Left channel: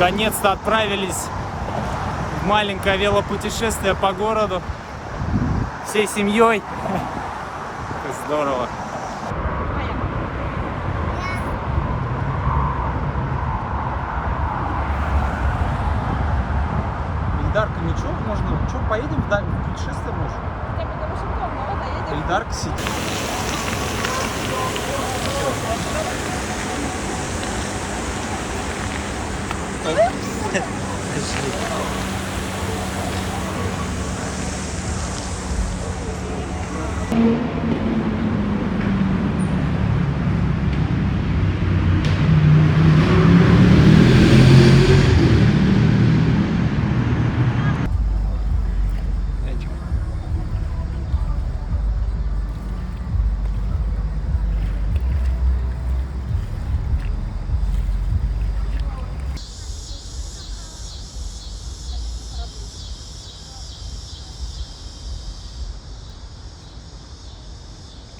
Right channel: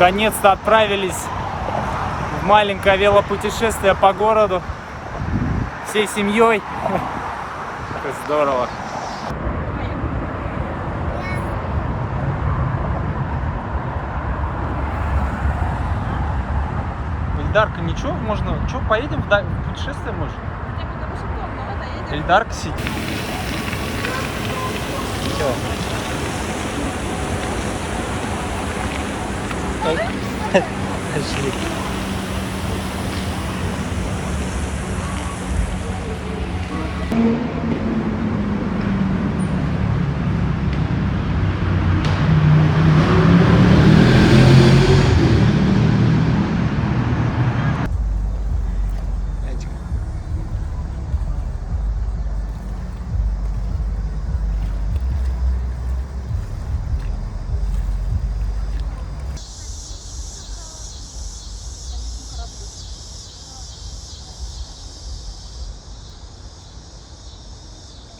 Наконец-то отправились в маленькое велопутешествие по городу всей семьей. Это здорово. Ильдарка, ничего, можно, что, поедем в путешествие, может? Ильдарка сидит. Все. Пошли.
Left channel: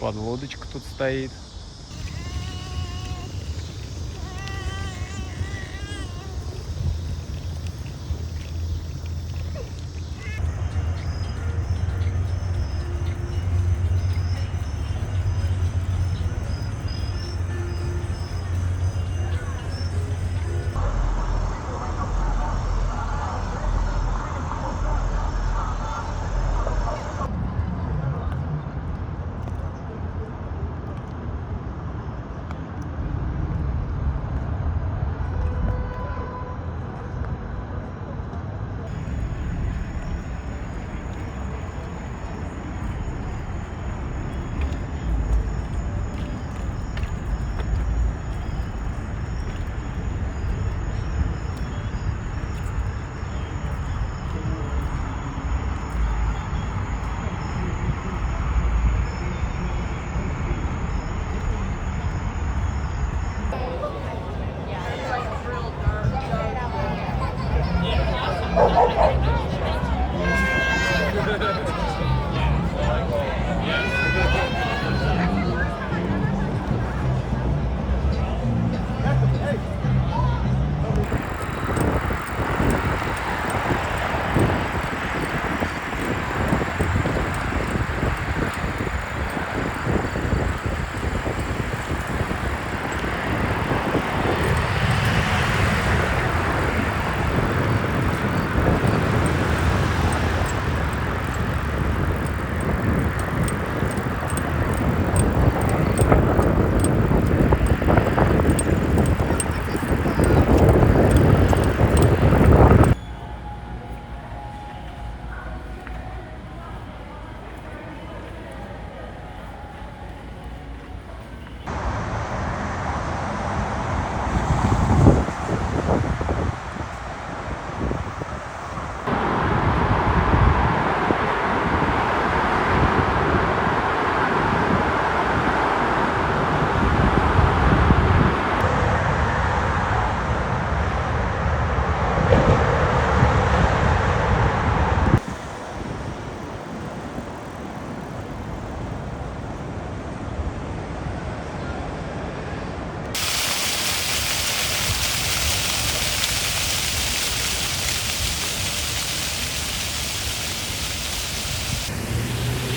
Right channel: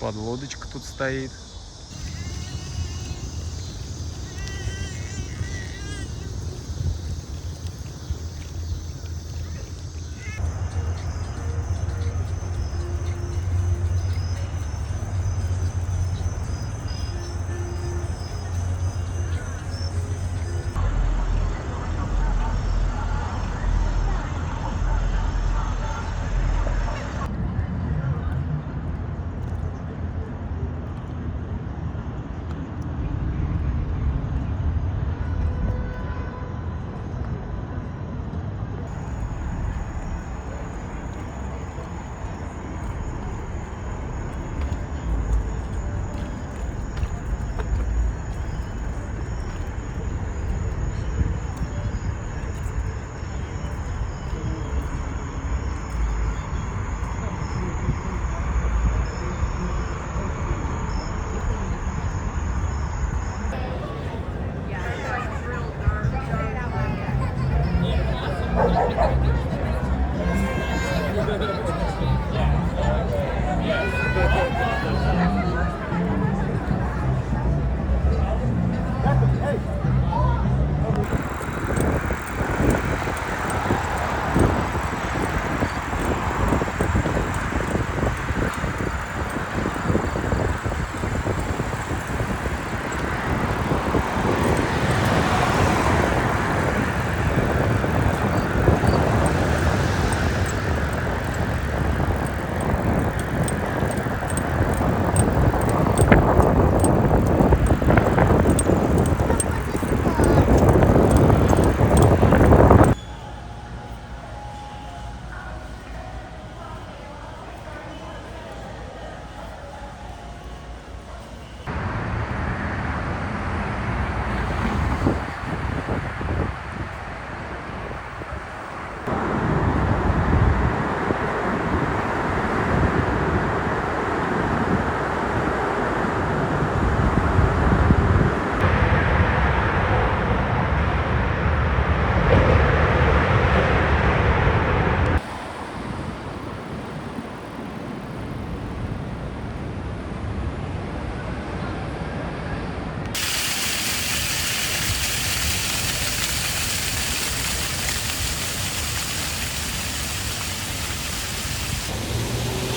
Подлодочка тут стоит.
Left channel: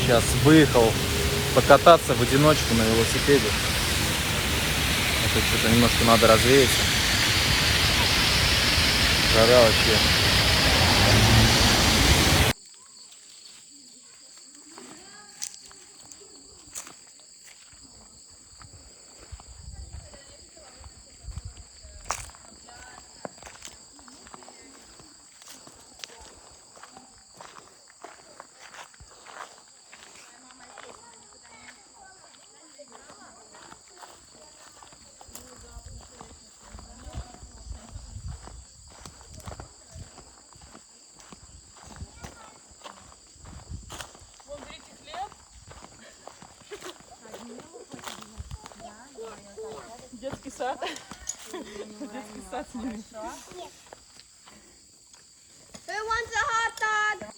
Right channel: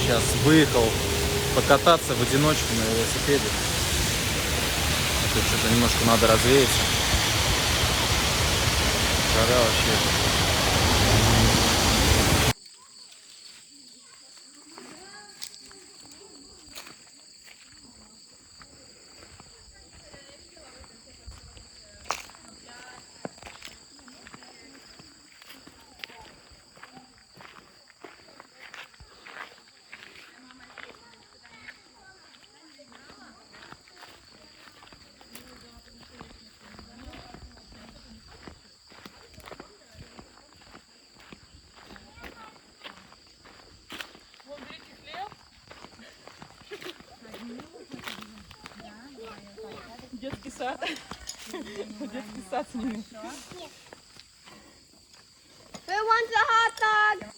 Сейчас выехал покататься в одиночку на велосипеде. А тут что-то немножко надо развеяться. Жара вообще. Детский сад. Детский сад с ними. Who wants a hot dog?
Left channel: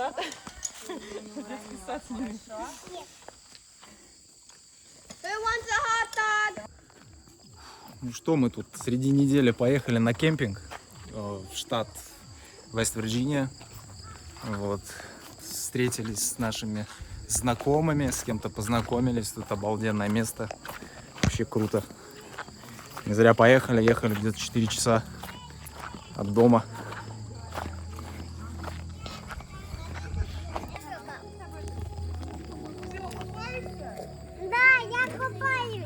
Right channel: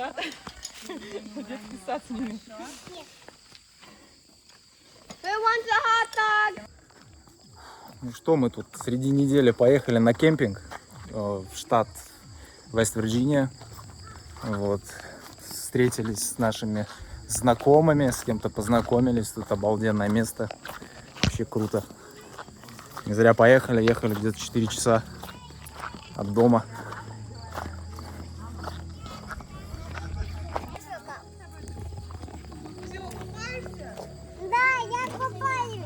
сад. Детский сад с ними. Who wants a hot dog? Ну что, мы тут среди недели поехали на кемпинг в штат Вест-Вирджиния. Вот. Встретились с нашими знакомыми, с кем-то познакомились. Тут обалденное место. Вообще круто. Не зря поехали, ехали где-то 4 часа от дома. Да, я купаюсь.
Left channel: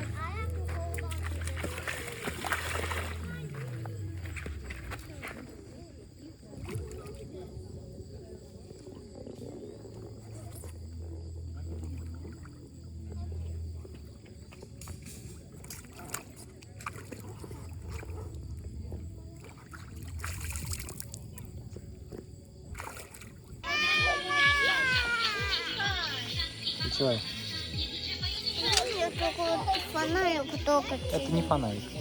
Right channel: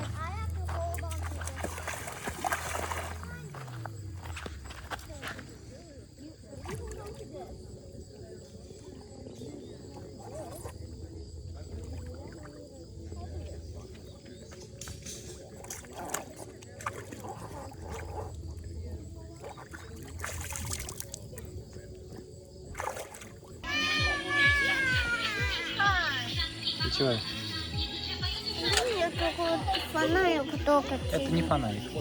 Ты чего? Я какой-то фонарик только. Это не фонарик.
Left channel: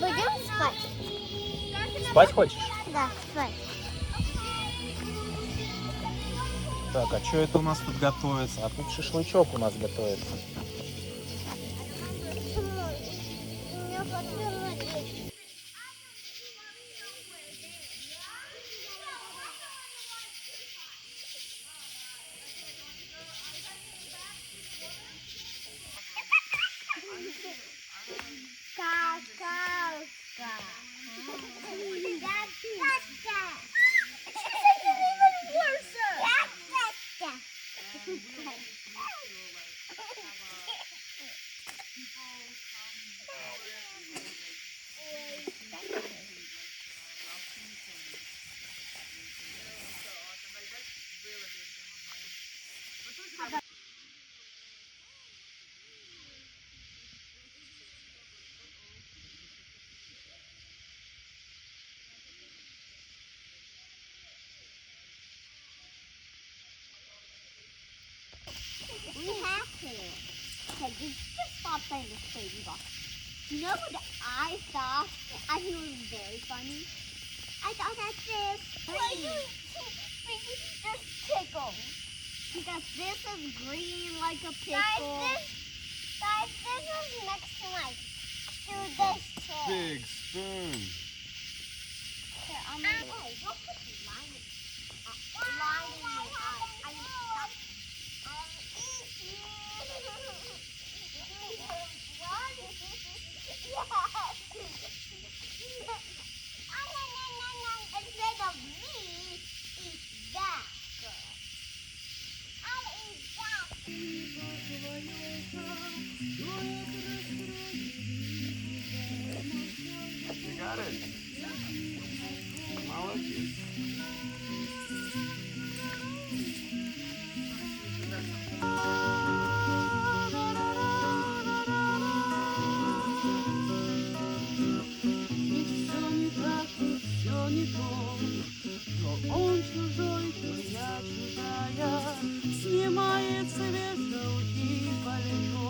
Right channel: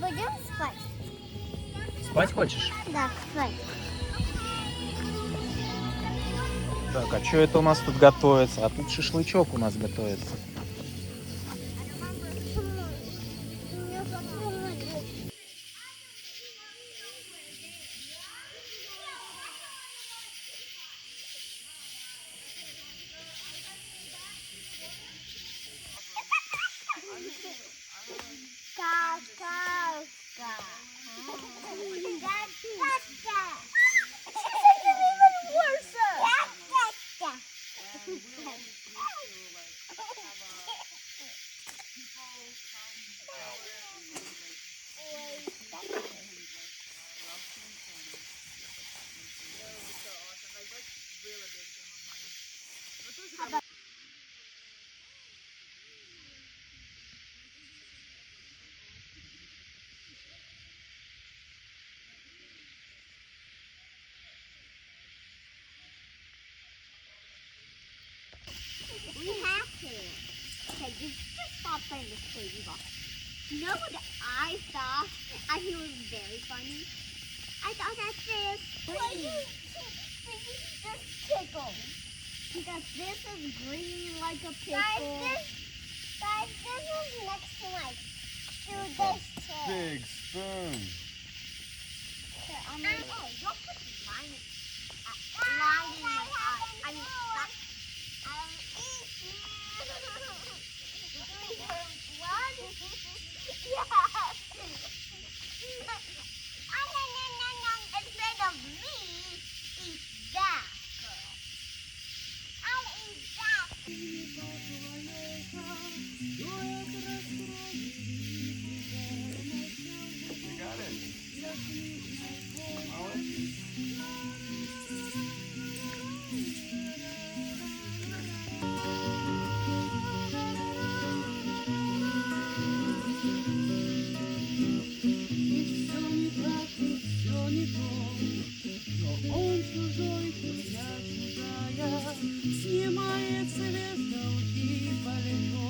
Будем спать? Спать хочешь? Да, спать. Так, а что это у нас тут готовится? А тут шашлычок у нас готовится. Мне хотелось. Какашка. We have to. Okay, you just stop playing this crazy ball. You know what I saw? I think it was very funny. I thought that this. This tickle. Because this is green like a pickle. Guys, this is next to my to this chair. Big spoon. Here, oh, don't put line in my eye. I mean, that. Instead of me, eat that girl. I'll eat that. You got it. Молодец. Ведь все не так, и все не то. Но он чужой, то я чужая. Снимает с вешалки пальто,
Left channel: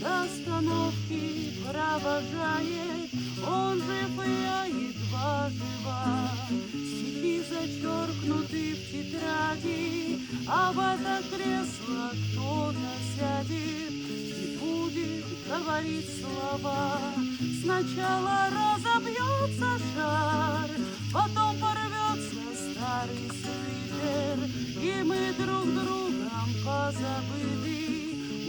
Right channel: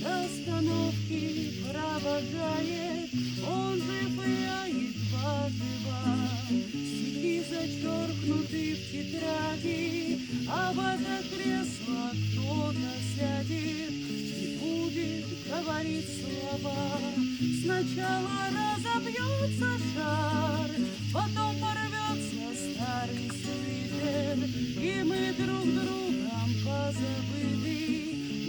до остановки провожает. Он жив, и я едва жива. Стихи зачеркнуты в тетради, а в это кресло кто-то сядет и будет говорить слова. Сначала разобьется шар, потом порвется старый свитер, и мы друг другом позабыли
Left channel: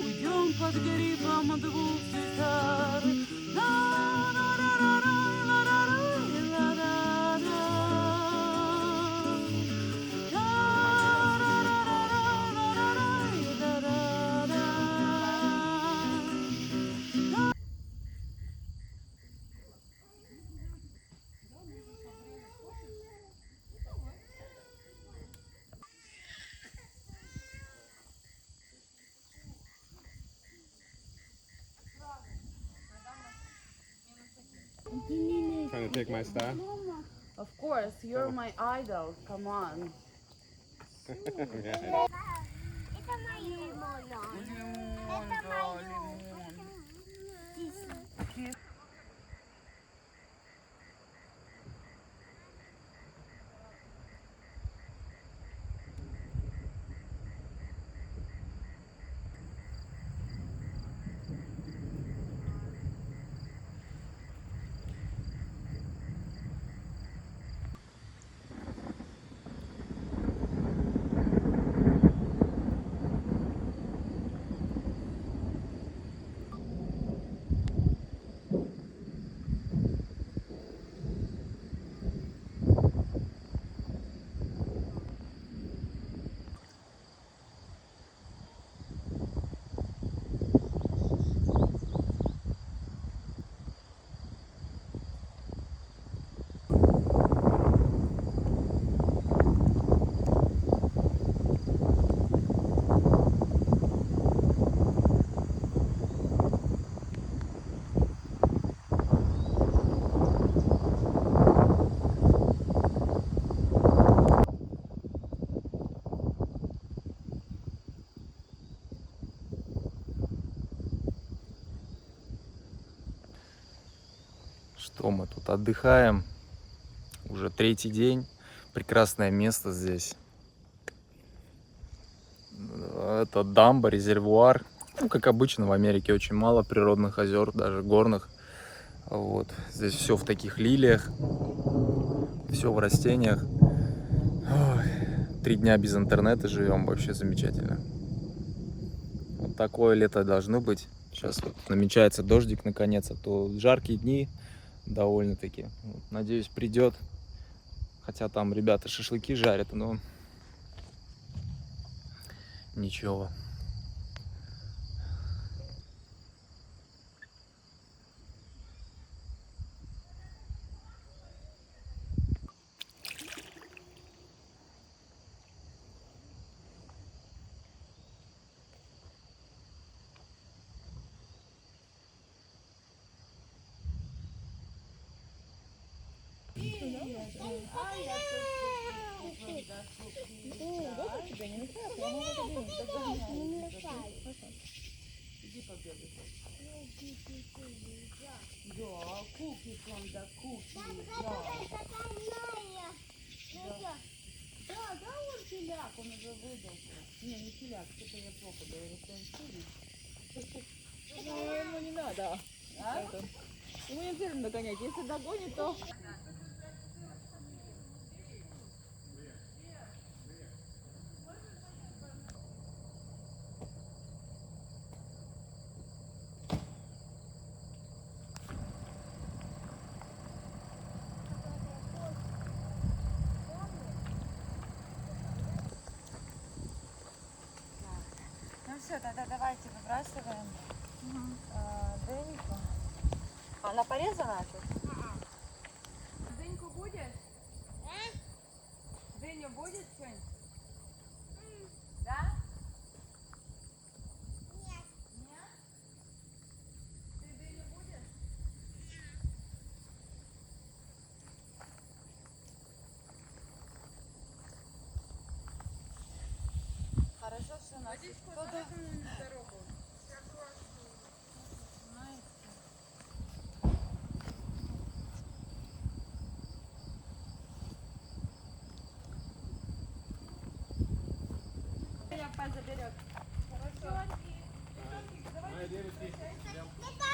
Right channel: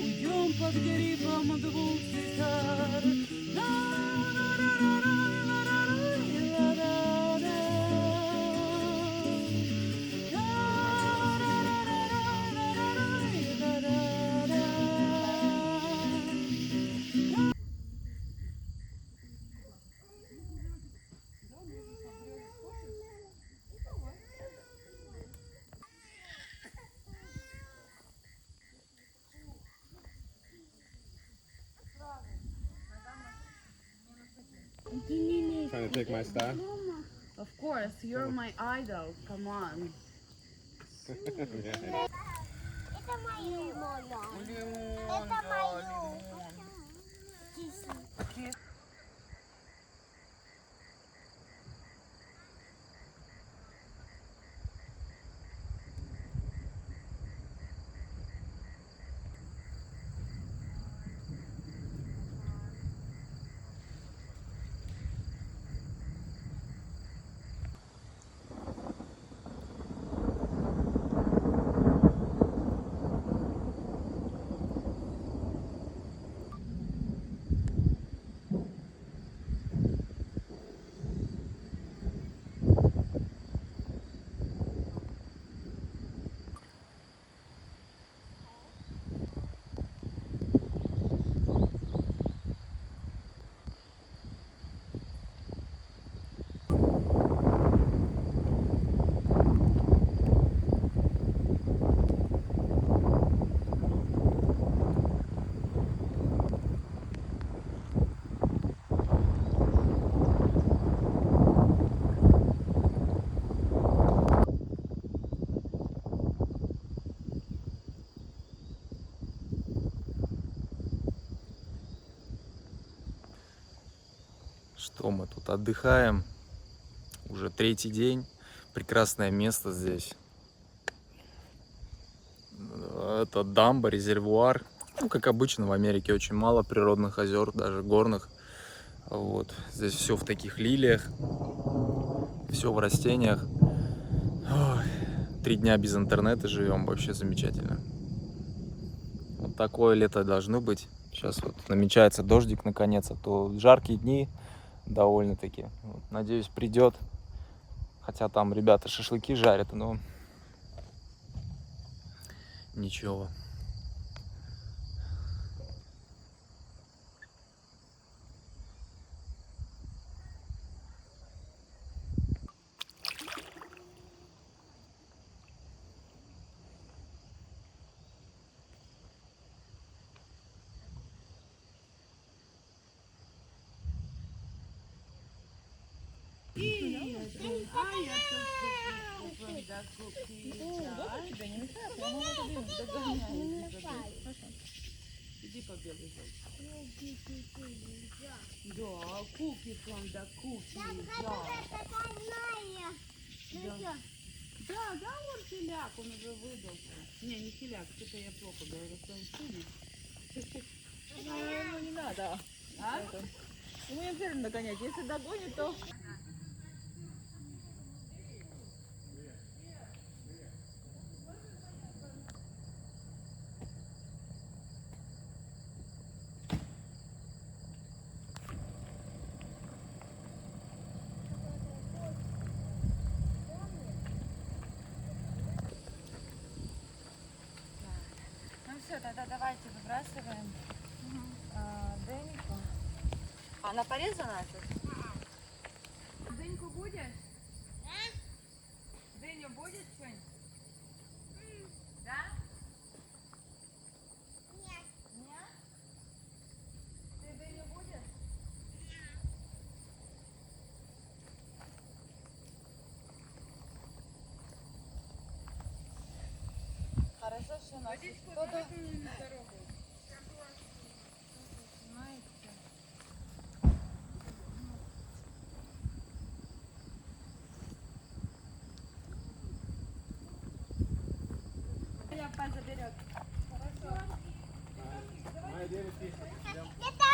уйдем под грифом двух гитар. Trying to take my star? Of course, you're my idol. Come on. Yeah. Это мое. Это мое. Что мы тут отдыхаем? Уже третий день. Прекрасное место здесь. Это дамба, резервуар. Ну, как обычно, в Америке очень мало природных озер, даже горных. Вот. Здесь все в таких лилиях. Все в растениях. Ой, 3 дня без интернета живем. Вообще замечательно. Вот такое лето должно быть. Сейчас вот намечается дождик наконец, а то жаркие дни довольно-таки. Вот, надеюсь, придет. Хотя там ребята шашлыки жарят, но ничего. Иди побегай. Да, куки from the cookie, да. Да, он теляк, он уже выдался. Не теляк, что-то я плохо говорю, что он сильный. Ему не надо. А? Ему не обязательно догонять, если догонит, то... Ну все, тогда давайте выбрасываем дыньку. Она порезана тут? Дыньку будешь? Дыню будешь, Сень? Да? Нет. Нет? Ты дыню будешь? Хорошо, что у нас кто-то... Заберет. Мои девочки, Это